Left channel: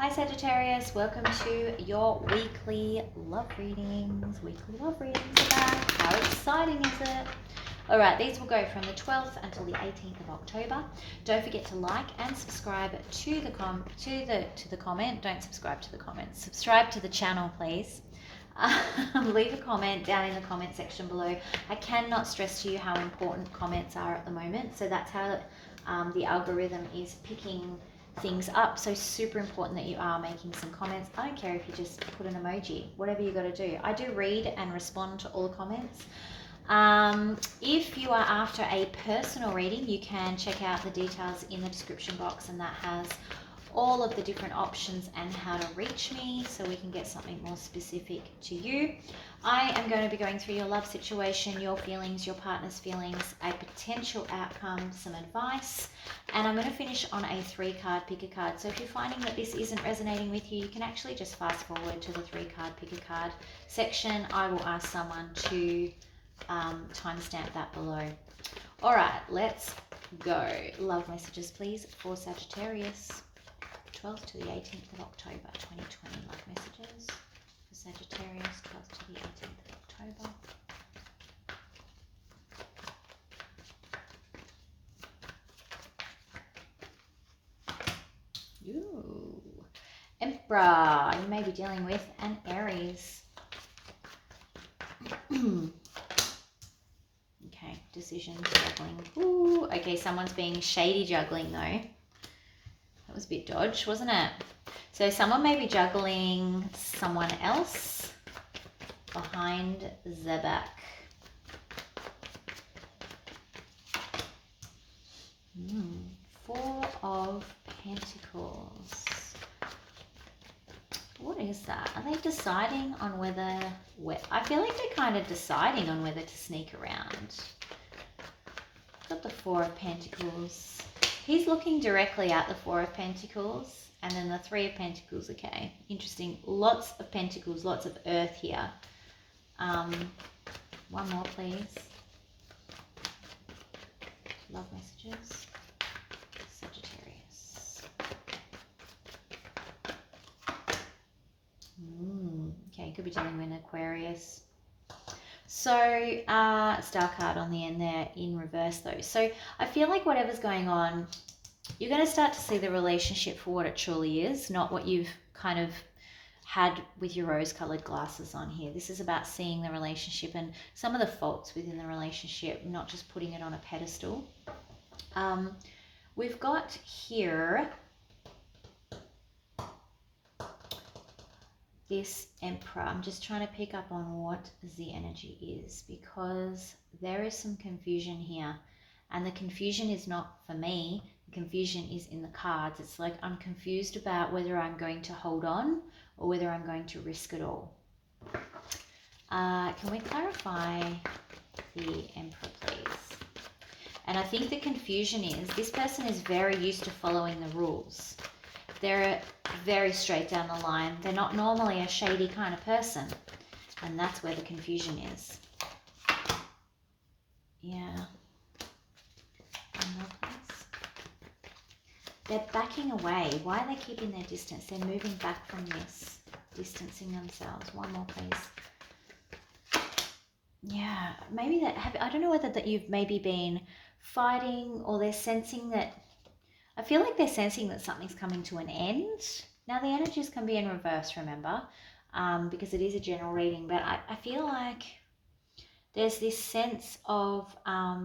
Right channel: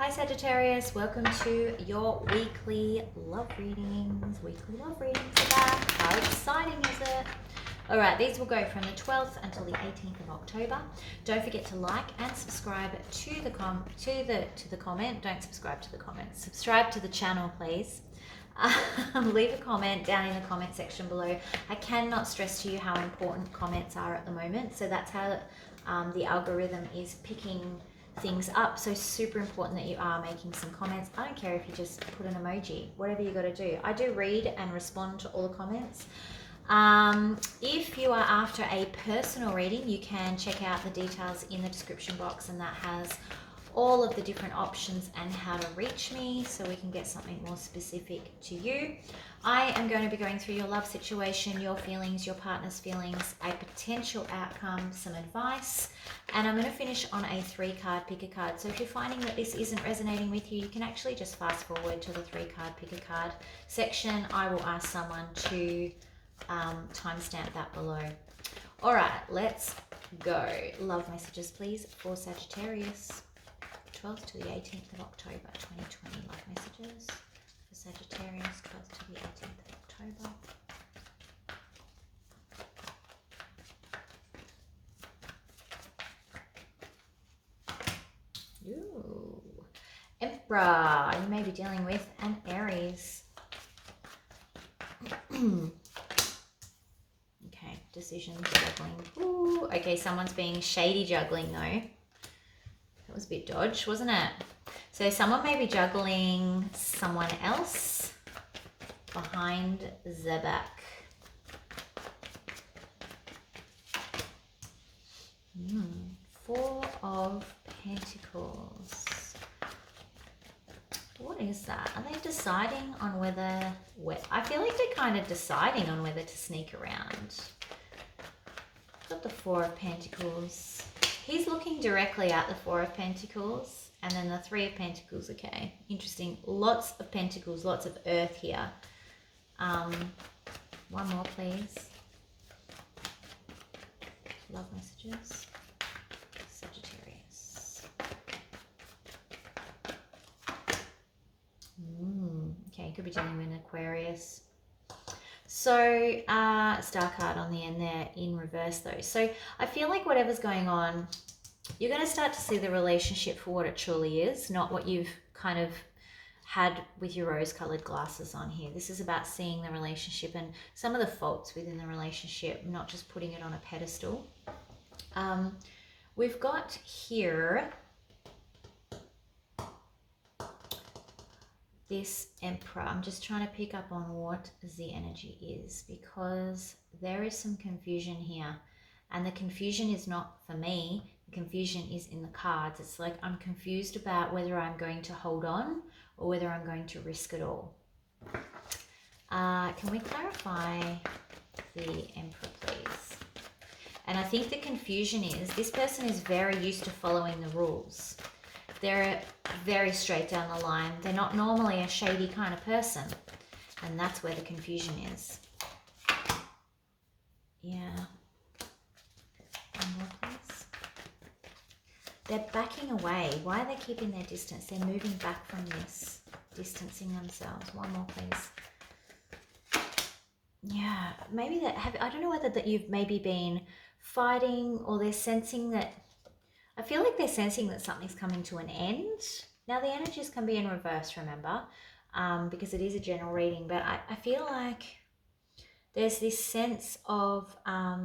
Hi Sagittarius, welcome to your weekly love readings. Weekly love readings are back. How exciting is it? Alright, these will go from the 12th until the 18th of October. Don't forget to like and subscribe to the comment. Don't subscribe to the comment. Subscribe to the channel, please. Leave a comment down in the comment section below. I cannot stress to you how important comments are at the moment. So that's how the algorithm is picking things up. So super important that you are making some comments. I don't care if you just put an emoji, whatever you got to do. I do read and respond to all the comments. If you are after a personal reading, you can check out the details in the description box, and that has all of the different options and how to reach me so we can get something more specific to you. I am going to be going through your love situation, your feelings, your partner's feelings, a potential outcome, some advice, and I'm going to finish on a 3-card pick a card. So if you're finding that this isn't resonating with you, you can actually just fast forward to the 3-card pick a card section. I will ask someone to timestamp that below. All right, let's go. Love messages, please, for Sagittarius. 12th to the 18th of October 2020. Love messages for Sagittarius, 12th to the 18th of October. Ooh. Emperor. You may be dealing with an Aries. Okay, decisions, juggling. Ooh. Okay, someone's being shady juggling though. That was a bit dodge, wasn't it? So someone may be juggling someone else behind the back. Four of Pentacles. What is that? Are they deciding on whether... I feel like they're kind of deciding on whether to sneak around. Got the Four of Pentacles. He's looking directly at the Four of Pentacles, and then the Three of Pentacles. Okay, interesting. Lots of Pentacles, lots of earth here. One more, please. Love messages. Sagittarius. Okay, could be dealing with an Aquarius. So, star card on the end there in reverse though. So I feel like whatever's going on, you're going to start to see the relationship for what it truly is, not what you've kind of had with your rose-colored glasses on here. This is about seeing the relationship and some of the faults within the relationship, not just putting it on a pedestal. We've got here this Emperor. I'm just trying to pick up on what the energy is, because there is some confusion here, and the confusion is not for me. The confusion is in the cards. It's like I'm confused about whether I'm going to hold on or whether I'm going to risk it all. Can we clarify the Emperor, please? And I think the confusion is this person is very used to following the rules. They're very straight down the line. They're not normally a shady kind of person. And that's where the confusion is. Yeah. One more, please. They're backing away. Why are they keeping their distance? They're moving back from this. Distancing themselves. One more, please. Yeah. Maybe that... I don't know whether that you've maybe been fighting, or they're sensing that... I feel like they're sensing that something's coming to an end. Now, the energies can be in reverse, remember, because it is a general reading. But I feel like there's this sense of, I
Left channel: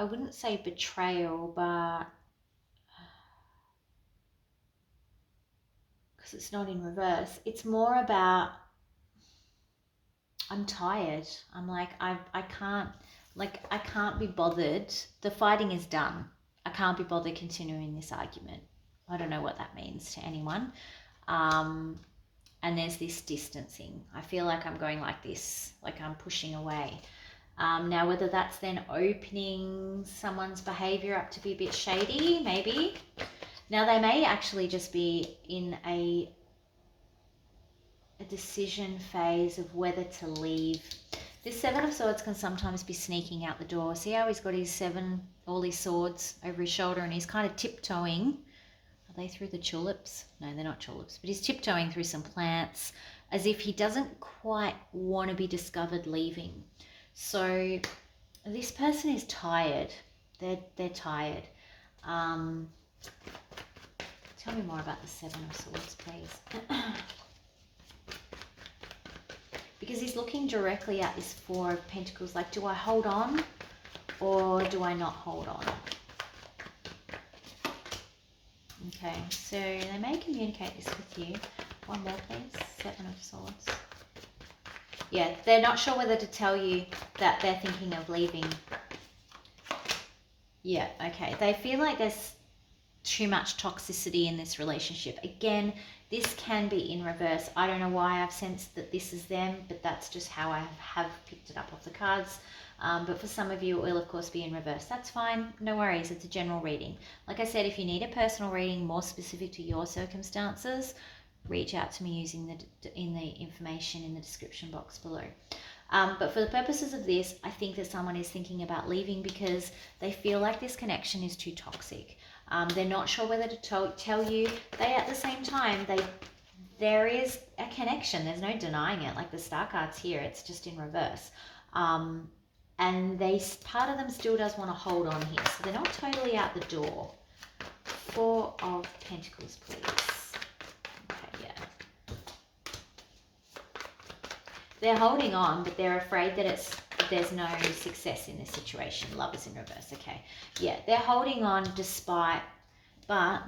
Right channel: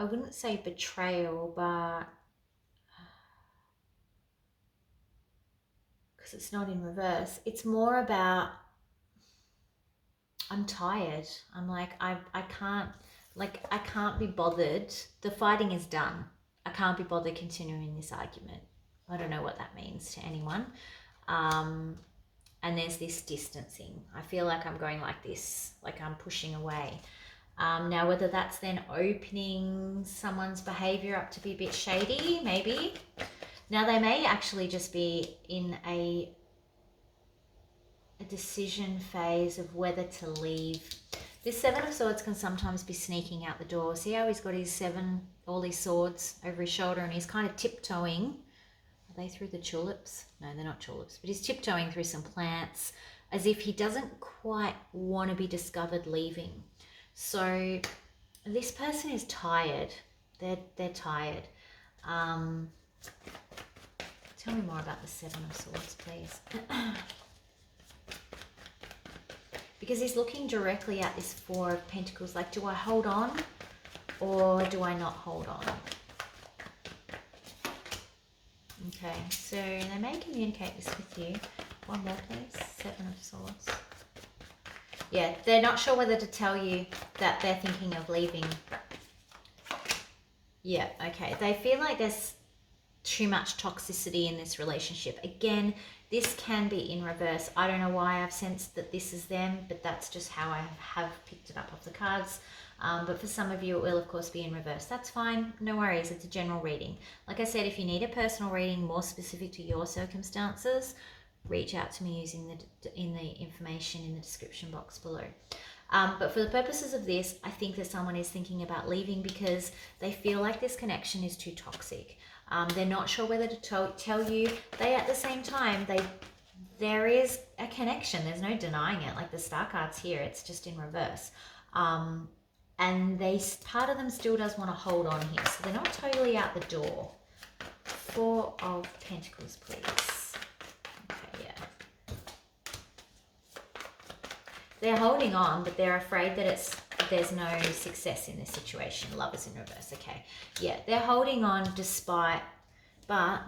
wouldn't say betrayal, but because it's not in reverse, it's more about, I'm tired. I'm like, I can't be bothered. The fighting is done. I can't be bothered continuing this argument. I don't know what that means to anyone. And there's this distancing. I feel like I'm going like this, like I'm pushing away. Now, whether that's then opening someone's behavior up to be a bit shady, maybe. Now, they may actually just be in a decision phase of whether to leave. This Seven of Swords can sometimes be sneaking out the door. See how he's got his all his swords over his shoulder, and he's kind of tiptoeing. Are they through the tulips? No, they're not tulips, but he's tiptoeing through some plants as if he doesn't quite want to be discovered leaving. So this person is tired. They're tired. Tell me more about the Seven of Swords, please. Because he's looking directly at this Four of Pentacles. Like, do I hold on or do I not hold on? Okay, so they may communicate this with you. One more, please. Seven of Swords. Yeah, they're not sure whether to tell you that they're thinking of leaving. Yeah, okay. They feel like there's too much toxicity in this relationship. Again, this can be in reverse. I don't know why I've sensed that this is them, but that's just how I have picked it up off the cards. But for some of you, it will, of course, be in reverse. That's fine. No worries. It's a general reading. Like I said, if you need a personal reading more specific to your circumstances, reach out to me using the information in the description box below. But for the purposes of this, I think that someone is thinking about leaving because they feel like this connection is too toxic. They're not sure whether to tell you. They, at the same time, there is a connection. There's no denying it. Like the Star cards here, it's just in reverse. And part of them still does want to hold on here. So they're not totally out the door. Four of Pentacles, please. Okay, yeah. They're holding on, but they're afraid that there's no success in this situation. Love is in reverse. Okay. Yeah, they're holding on but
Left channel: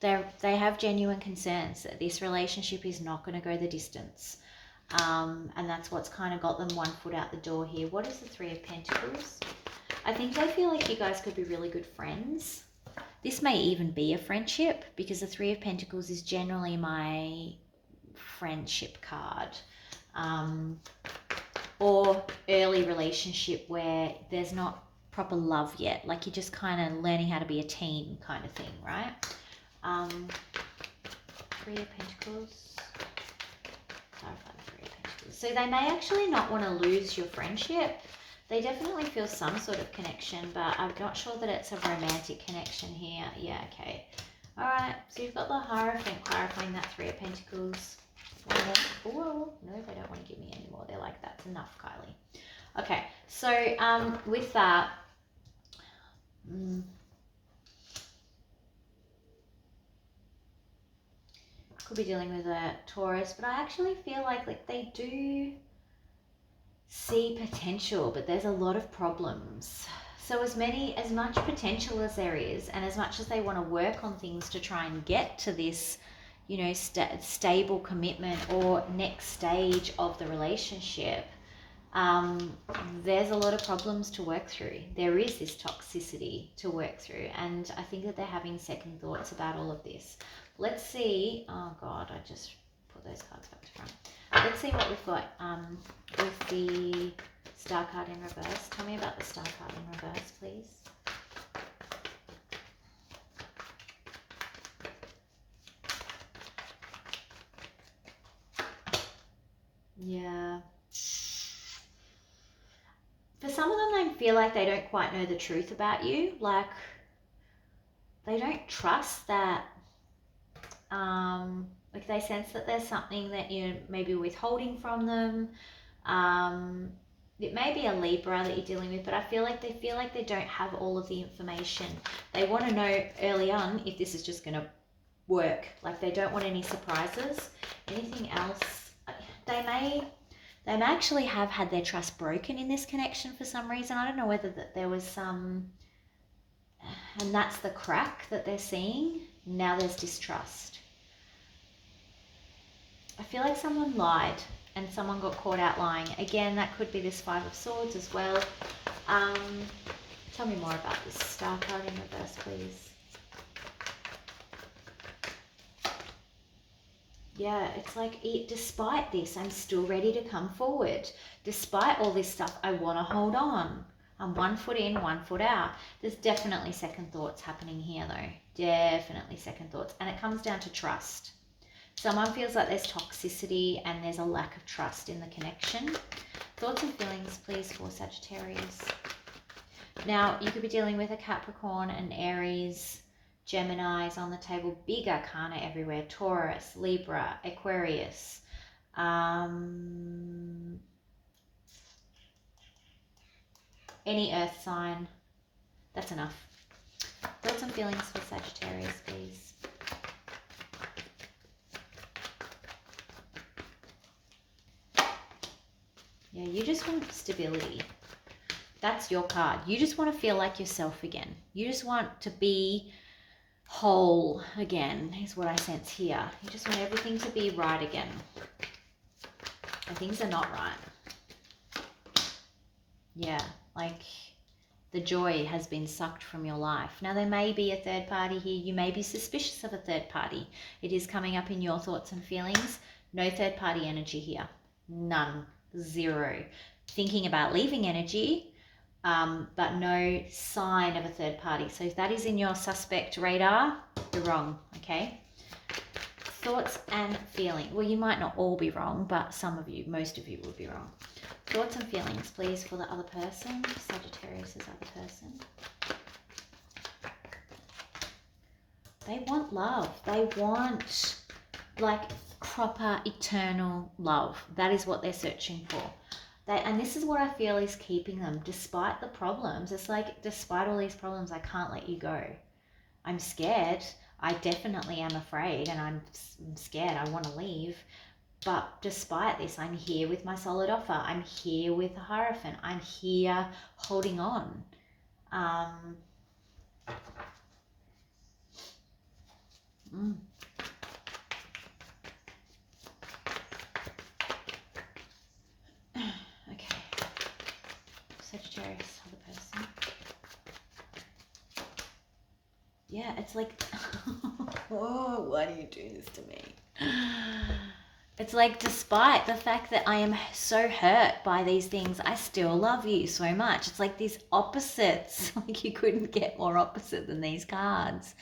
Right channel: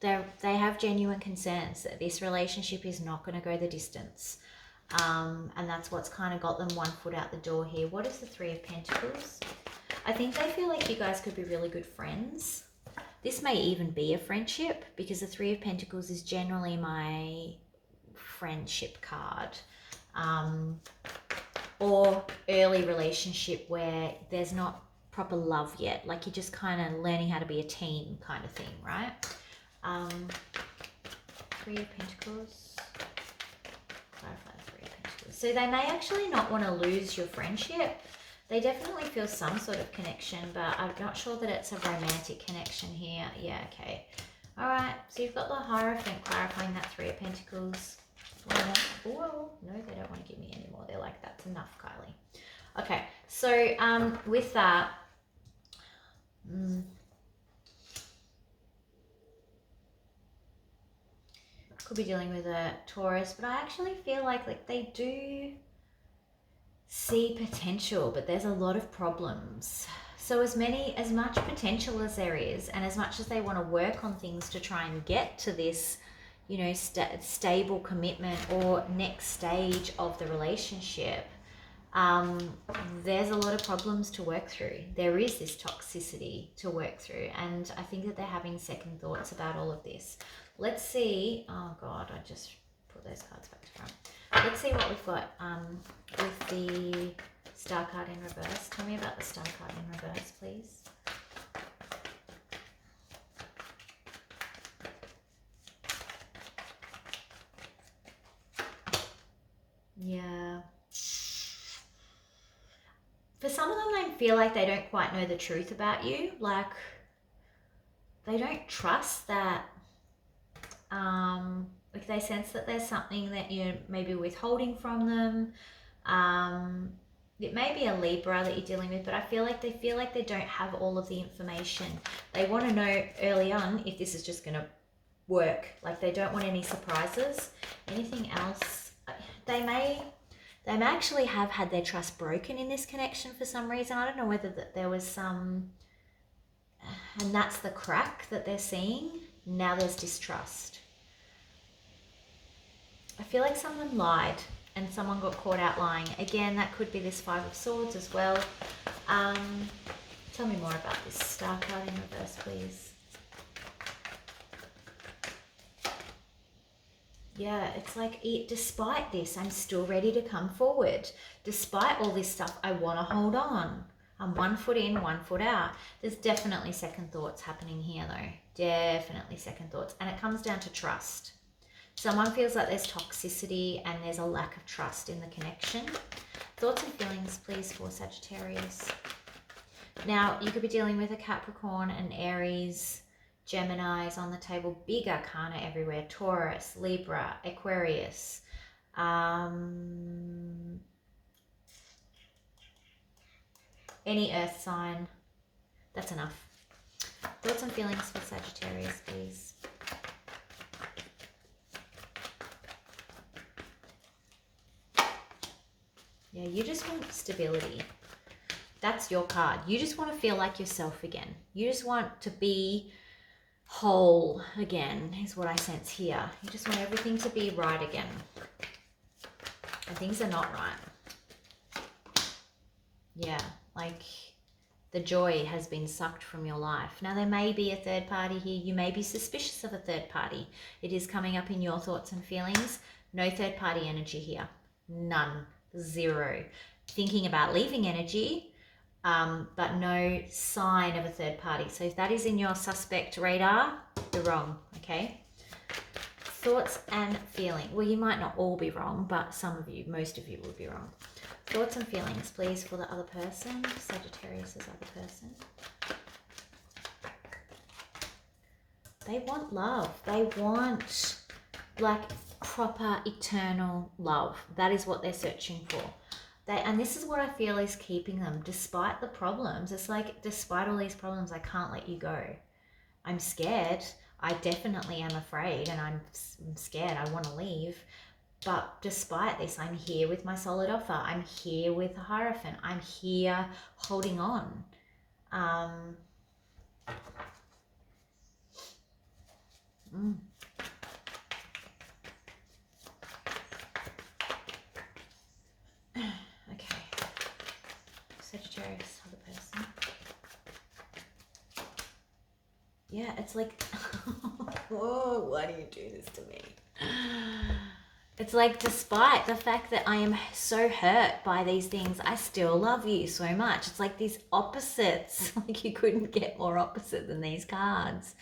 they have genuine concerns that this relationship is not going to go the distance. And that's what's kind of got them one foot out the door here. What is the Three of Pentacles? I think they feel like you guys could be really good friends. This may even be a friendship because the Three of Pentacles is generally my friendship card. Or early relationship where there's not proper love yet. Like you're just kind of learning how to be a team kind of thing, right? Three of Pentacles. Clarify the Three of Pentacles. So they may actually not want to lose your friendship. They definitely feel some sort of connection, but I'm not sure that it's a romantic connection here. Yeah, okay. All right, so you've got the Hierophant clarifying that Three of Pentacles. Oh, no, they don't want to give me any more. They're like, that's enough, Kylie. Okay, so with that, could be dealing with a Taurus, but I actually feel like they do see potential, but there's a lot of problems. So as much potential as there is, and as much as they want to work on things to try and get to this, you know, stable commitment or next stage of the relationship, there's a lot of problems to work through. There is this toxicity to work through, and I think that they're having second thoughts about all of this. Let's see. Oh God, I just put those cards back to front. Let's see what we've got with the Star card in reverse. Tell me about the Star card in reverse, please. Yeah. For some of them, they feel like they don't quite know the truth about you. Like, they don't trust that, like they sense that there's something that you're maybe withholding from them. It may be a Libra that you're dealing with, but I feel like they don't have all of the information. They want to know early on if this is just going to work. Like, they don't want any surprises. Anything else? They may actually have had their trust broken in this connection for some reason. I don't know whether there was some, and that's the crack that they're seeing. Now there's distrust. I feel like someone lied and someone got caught out lying. Again, that could be this Five of Swords as well. Tell me more about this Star card in reverse, please. Yeah, it's like, despite this, I'm still ready to come forward. Despite all this stuff, I want to hold on. I'm 1 foot in, 1 foot out. There's definitely second thoughts happening here, though. Definitely second thoughts. And it comes down to trust. Someone feels like there's toxicity and there's a lack of trust in the connection. Thoughts and feelings, please, for Sagittarius. Now, you could be dealing with a Capricorn, an Aries, Gemini is on the table. Big arcana everywhere. Taurus, Libra, Aquarius. Any earth sign. That's enough. Thoughts and feelings for Sagittarius, please. Yeah, you just want stability. That's your card. You just want to feel like yourself again. You just want to be whole again, is what I sense here. You just want everything to be right again. And things are not right. Yeah, like the joy has been sucked from your life. Now, there may be a third party here. You may be suspicious of a third party. It is coming up in your thoughts and feelings. No third party energy here. None. Zero. Thinking about leaving energy, but no sign of a third party. So if that is in your suspect radar, you're wrong, okay? Thoughts and feelings. Well, you might not all be wrong, but some of you, most of you will be wrong. Thoughts and feelings, please, for the other person. Sagittarius' other person. They want love. They want, like, proper, eternal love. That is what they're searching for. And this is what I feel is keeping them, despite the problems. It's like, despite all these problems, I can't let you go. I'm scared. I definitely am afraid, and I'm scared. I want to leave. But despite this, I'm here with my solid offer. I'm here with the Hierophant. I'm here holding on. Okay. Sagittarius, other person. Yeah, it's like, whoa, why do you do this to me? It's like, despite the fact that I am so hurt by these things, I still love you so much. It's like these opposites. Like, you couldn't get more opposite than these cards.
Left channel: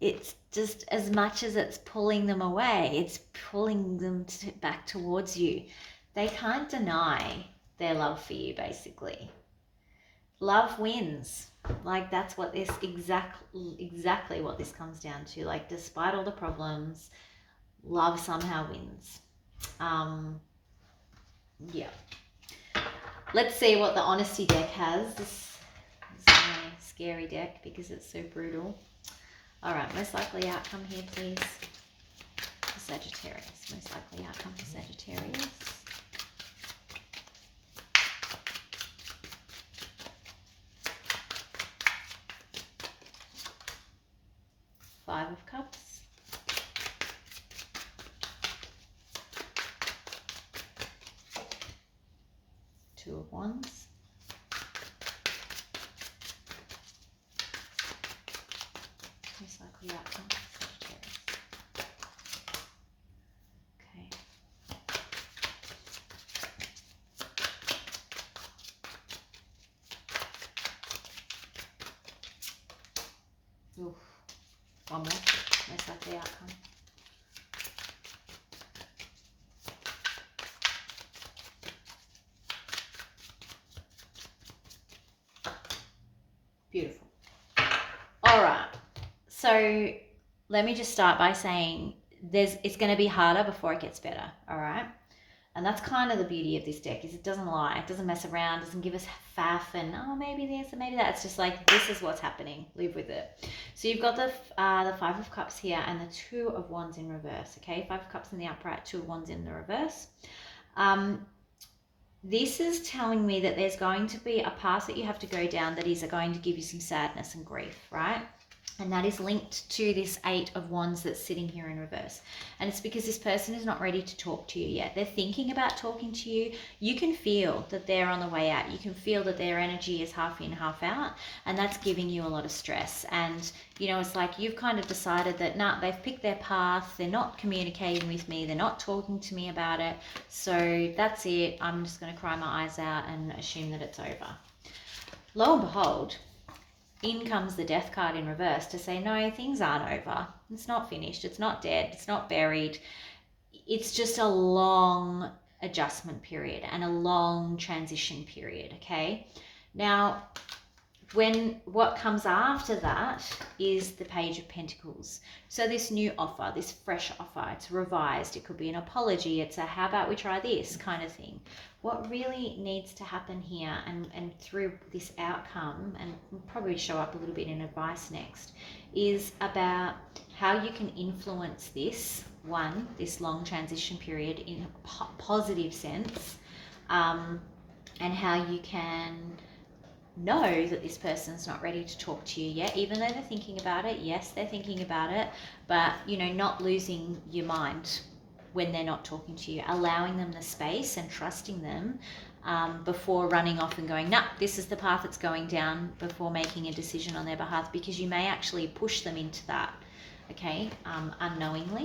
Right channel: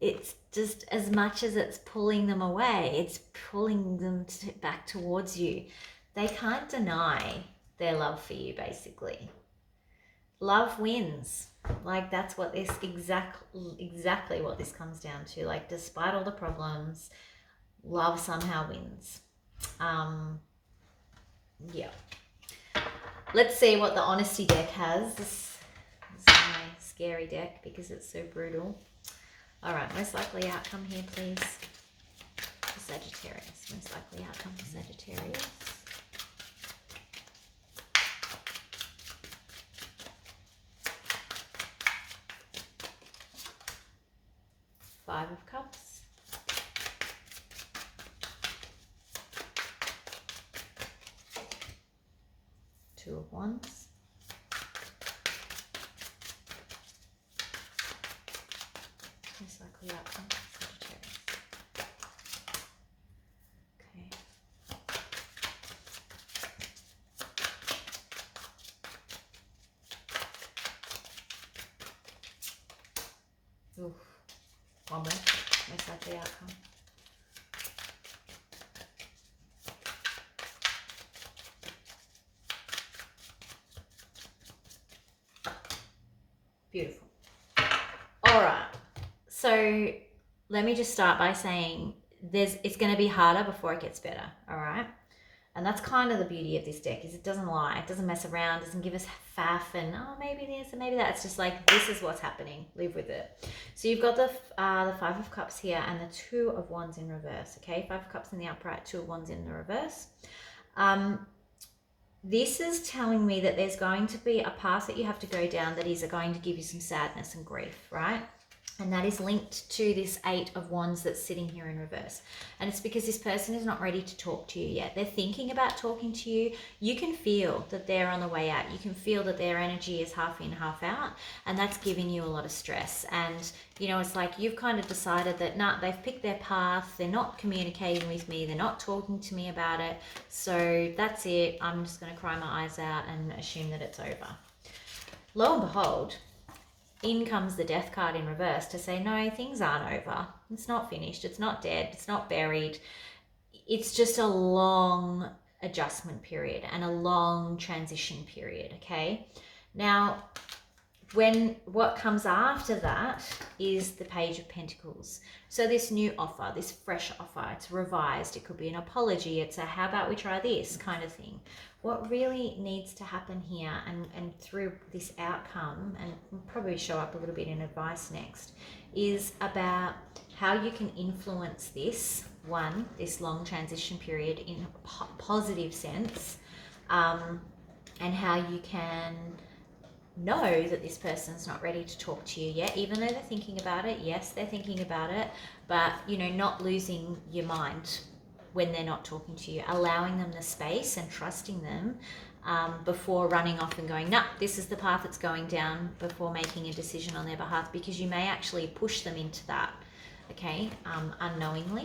It's just, as much as it's pulling them away, it's pulling them back towards you. They can't deny their love for you, basically. Love wins. Like, that's what this exactly what this comes down to. Like, despite all the problems, love somehow wins. Yeah. Let's see what the honesty deck has. This is my scary deck because it's so brutal. All right, most likely outcome here, please. For Sagittarius. Most likely outcome for Sagittarius. Five of Cups. Two of Wands. Most likely outcome for Sagittarius. Okay. Oof. One more. Most likely outcome. Beautiful. All right. So let me just start by saying it's going to be harder before it gets better. All right. And that's kind of the beauty of this deck, is it doesn't lie. It doesn't mess around, doesn't give us faff and, oh, maybe this and maybe that. It's just like, this is what's happening. Live with it. So you've got the Five of Cups here and the Two of Wands in reverse, okay? Five of Cups in the upright, Two of Wands in the reverse. This is telling me that there's going to be a path that you have to go down that is going to give you some sadness and grief, right? And that is linked to this Eight of Wands that's sitting here in reverse. And it's because this person is not ready to talk to you yet. They're thinking about talking to you. You can feel that they're on the way out. You can feel that their energy is half in, half out. And that's giving you a lot of stress. And, you know, it's like you've kind of decided that, nah, they've picked their path. They're not communicating with me. They're not talking to me about it. So that's it. I'm just going to cry my eyes out and assume that it's over. Lo and behold, in comes the Death card in reverse to say, no, things aren't over. It's not finished. It's not dead. It's not buried. It's just a long adjustment period and a long transition period, okay? Now, what comes after that is the Page of Pentacles. So this new offer, this fresh offer, it's revised. It could be an apology. It's a how about we try this kind of thing. What really needs to happen here, and through this outcome, and we'll probably show up a little bit in advice next, is about how you can influence this long transition period in a positive sense, and how you can know that this person's not ready to talk to you yet, even though they're thinking about it. Yes, they're thinking about it, but not losing your mind when they're not talking to you, allowing them the space and trusting them before running off and going, no, this is the path it's going down, before making a decision on their behalf, because you may actually push them into that, okay, unknowingly.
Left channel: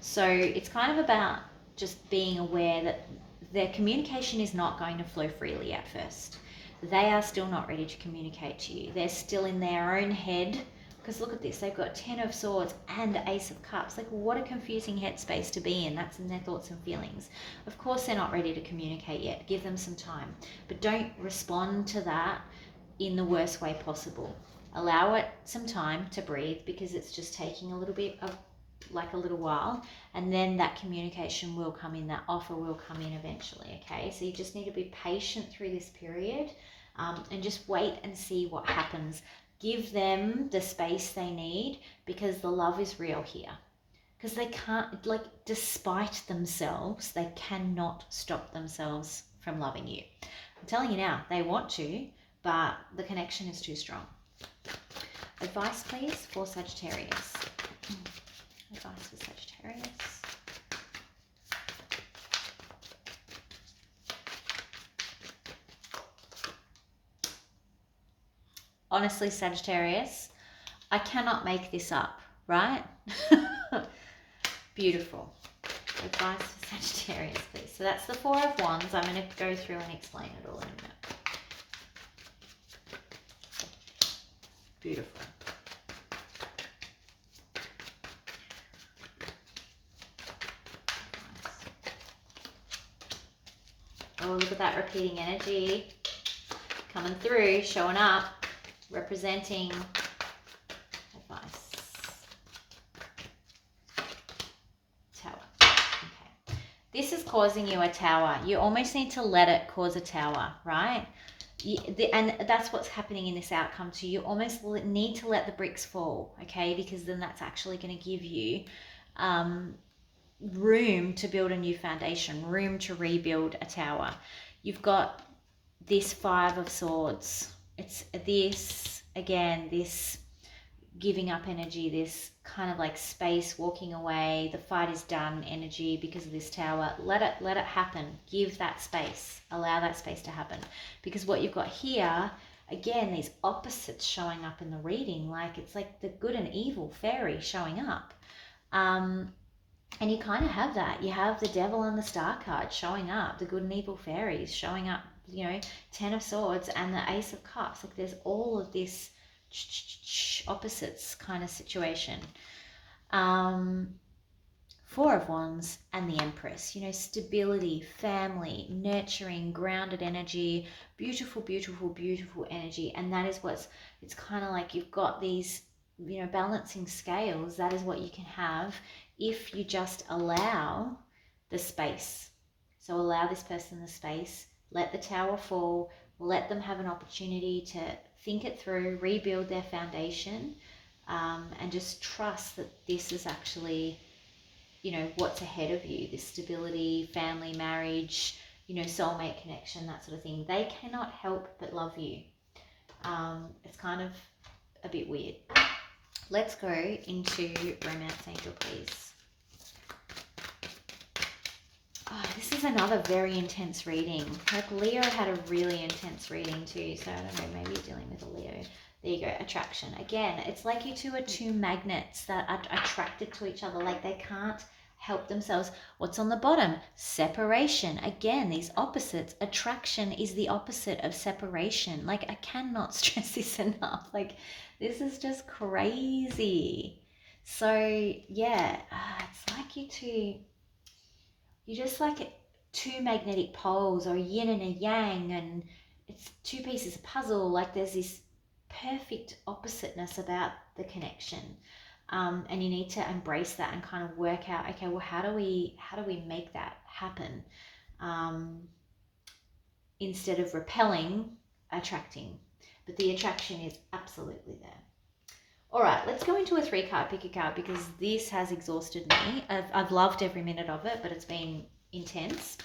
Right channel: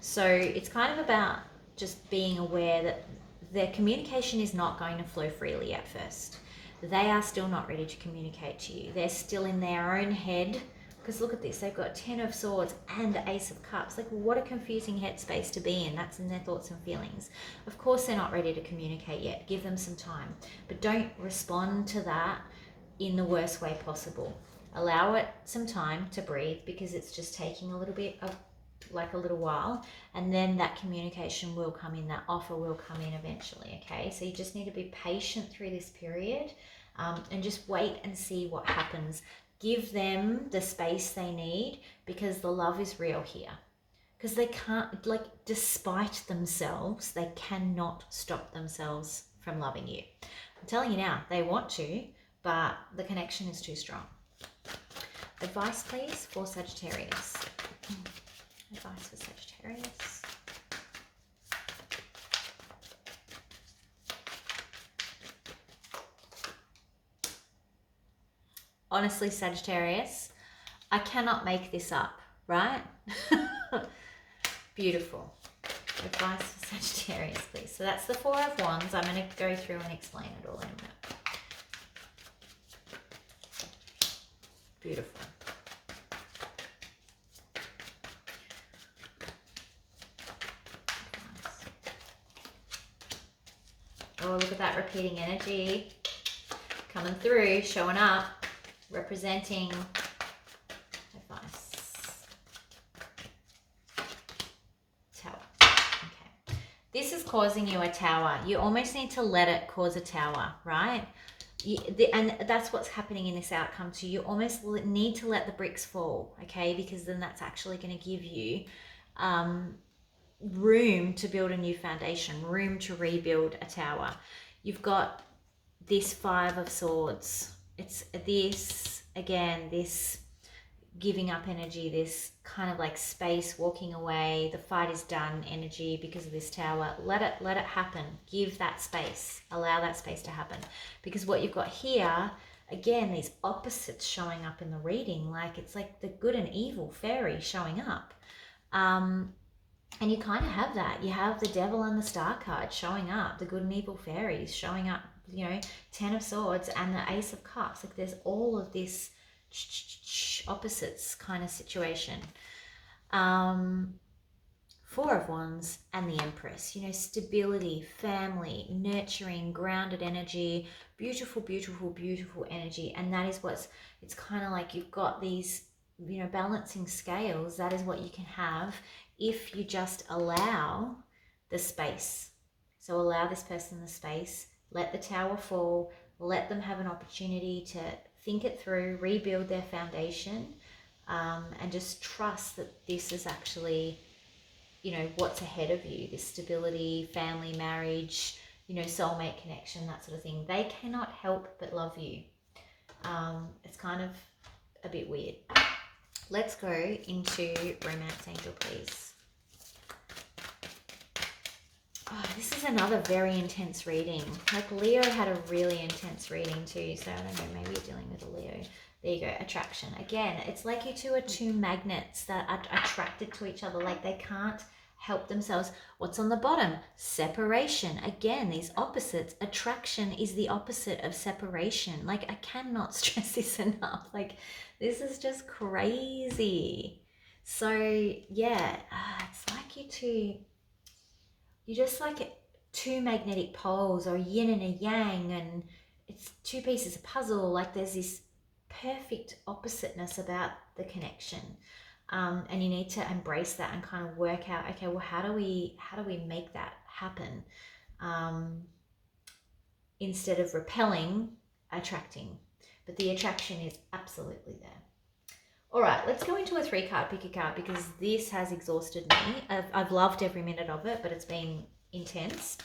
So it's kind of about just being aware that their communication is not going to flow freely at first. They are still not ready to communicate to you. They're still in their own head. Because look at this, they've got 10 of Swords and the Ace of Cups. Like, what a confusing headspace to be in. That's in their thoughts and feelings. Of course, they're not ready to communicate yet. Give them some time. But don't respond to that in the worst way possible. Allow it some time to breathe, because it's just taking a little bit of, like a little while. And then that communication will come in, that offer will come in eventually, okay? So you just need to be patient through this period, and just wait and see what happens. Give them the space they need, because the love is real here. Because they can't, like, despite themselves, they cannot stop themselves from loving you. I'm telling you now, they want to, but the connection is too strong. Advice, please, for Sagittarius. Advice for Sagittarius. Honestly, Sagittarius, I cannot make this up, right? Beautiful. Advice for Sagittarius, please. So that's the Four of Wands. I'm going to go through and explain it all in a minute. Beautiful. Oh, look at that repeating energy coming through, showing up. Representing advice. Tower. Okay. This is causing you a tower. You almost need to let it cause a tower, right? And that's what's happening in this outcome too. You almost need to let the bricks fall, okay? Because then that's actually going to give you room to build a new foundation, room to rebuild a tower. You've got this Five of Swords. It's this, again, this giving up energy, this kind of like space, walking away, the fight is done energy because of this tower. Let it happen. Give that space. Allow that space to happen. Because what you've got here, again, these opposites showing up in the reading, like it's like the good and evil fairy showing up. And you kind of have that. You have the Devil and the Star card showing up, the good and evil fairies showing up, 10 of Swords and the Ace of Cups. Like there's all of this opposites kind of situation. Four of Wands and the Empress, stability, family, nurturing, grounded energy, beautiful, beautiful, beautiful energy. And that is it's kind of like you've got these, balancing scales. That is what you can have if you just allow the space. So allow this person the space. Let the tower fall, let them have an opportunity to think it through, rebuild their foundation, and just trust that this is actually, what's ahead of you, this stability, family, marriage, soulmate connection, that sort of thing. They cannot help but love you. It's kind of a bit weird. Let's go into Romance Angel, please. Oh, this is another very intense reading. Like Leo had a really intense reading too. So I don't know, maybe you're dealing with a Leo. There you go, attraction. Again, it's like you two are two magnets that are attracted to each other. Like they can't help themselves. What's on the bottom? Separation. Again, these opposites. Attraction is the opposite of separation. Like I cannot stress this enough. Like this is just crazy. So yeah, it's like you two... You're just like two magnetic poles, or a yin and a yang, and it's two pieces of puzzle. Like there's this perfect oppositeness about the connection. And you need to embrace that and kind of work out, okay, well, how do we make that happen? Instead of repelling, attracting. But the attraction is absolutely there. All right, let's go into a 3-card pick a card, because this has exhausted me. I've loved every minute of it, but it's been intense.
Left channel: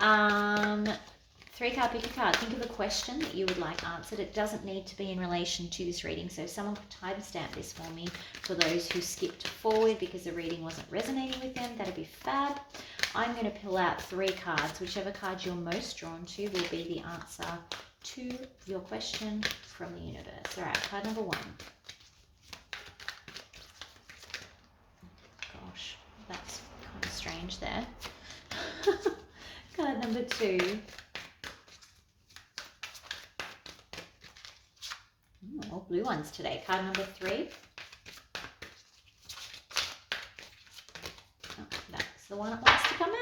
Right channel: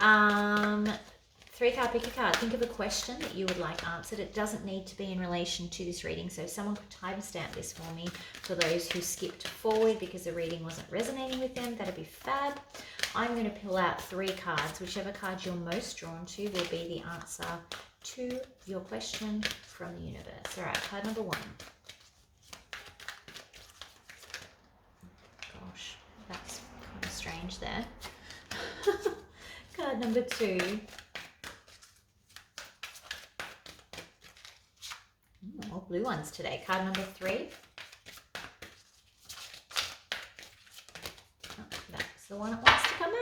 3-card pick a card. Think of a question that you would like answered. It doesn't need to be in relation to this reading. So if someone could timestamp this for me, for those who skipped forward because the reading wasn't resonating with them, that'd be fab. I'm going to pull out 3 cards. Whichever card you're most drawn to will be the answer to your question from the universe. All right, card number 1. Gosh, that's kind of strange there. Card number 2. All blue ones today. Card number 3. Oh, that's the one that wants to come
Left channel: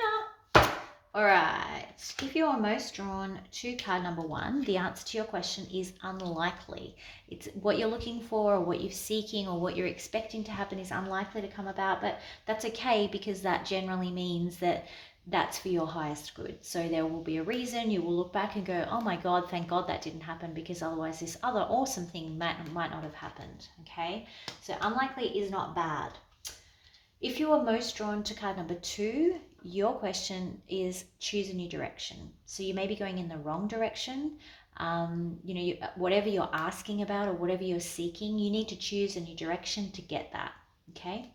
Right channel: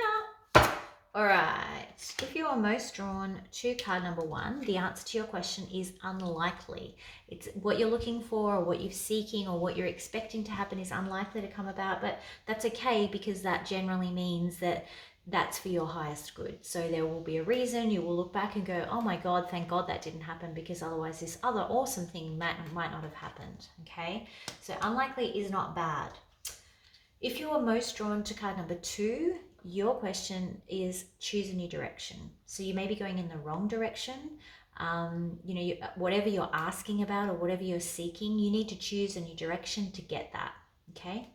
out. All right. If you are most drawn to card number 1, the answer to your question is unlikely. It's what you're looking for, or what you're seeking, or what you're expecting to happen is unlikely to come about, but that's okay, because that generally means that that's for your highest good. So there will be a reason. You will look back and go, oh my God, thank God that didn't happen, because otherwise this other awesome thing might not have happened. Okay, so unlikely is not bad. If you are most drawn to card number 2, your question is choose a new direction. So you may be going in the wrong direction. Whatever you're asking about or whatever you're seeking, you need to choose a new direction to get that. Okay.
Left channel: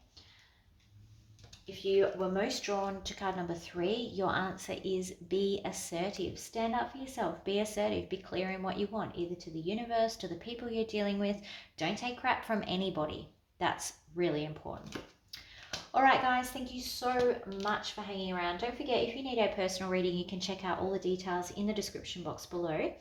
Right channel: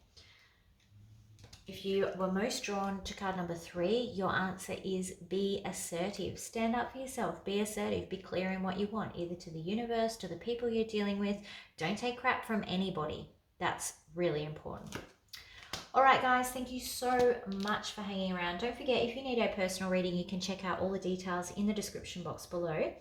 If you were most drawn to card number 3, your answer is be assertive. Stand up for yourself. Be assertive. Be clear in what you want, either to the universe, to the people you're dealing with. Don't take crap from anybody. That's really important. All right, guys, thank you so much for hanging around. Don't forget, if you need a personal reading, you can check out all the details in the description box below.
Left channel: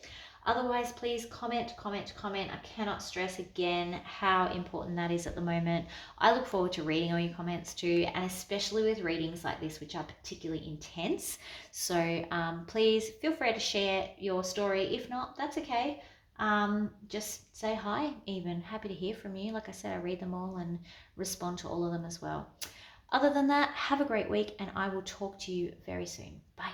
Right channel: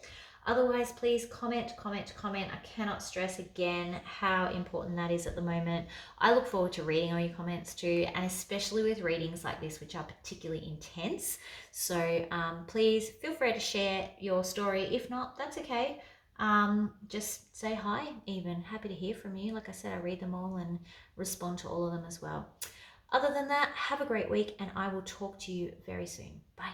Otherwise, please comment. I cannot stress again how important that is at the moment. I look forward to reading all your comments too, and especially with readings like this, which are particularly intense. So please feel free to share your story. If not, that's okay. Just say hi even. Happy to hear from you. Like I said, I read them all and respond to all of them as well. Other than that, have a great week, and I will talk to you very soon. Bye.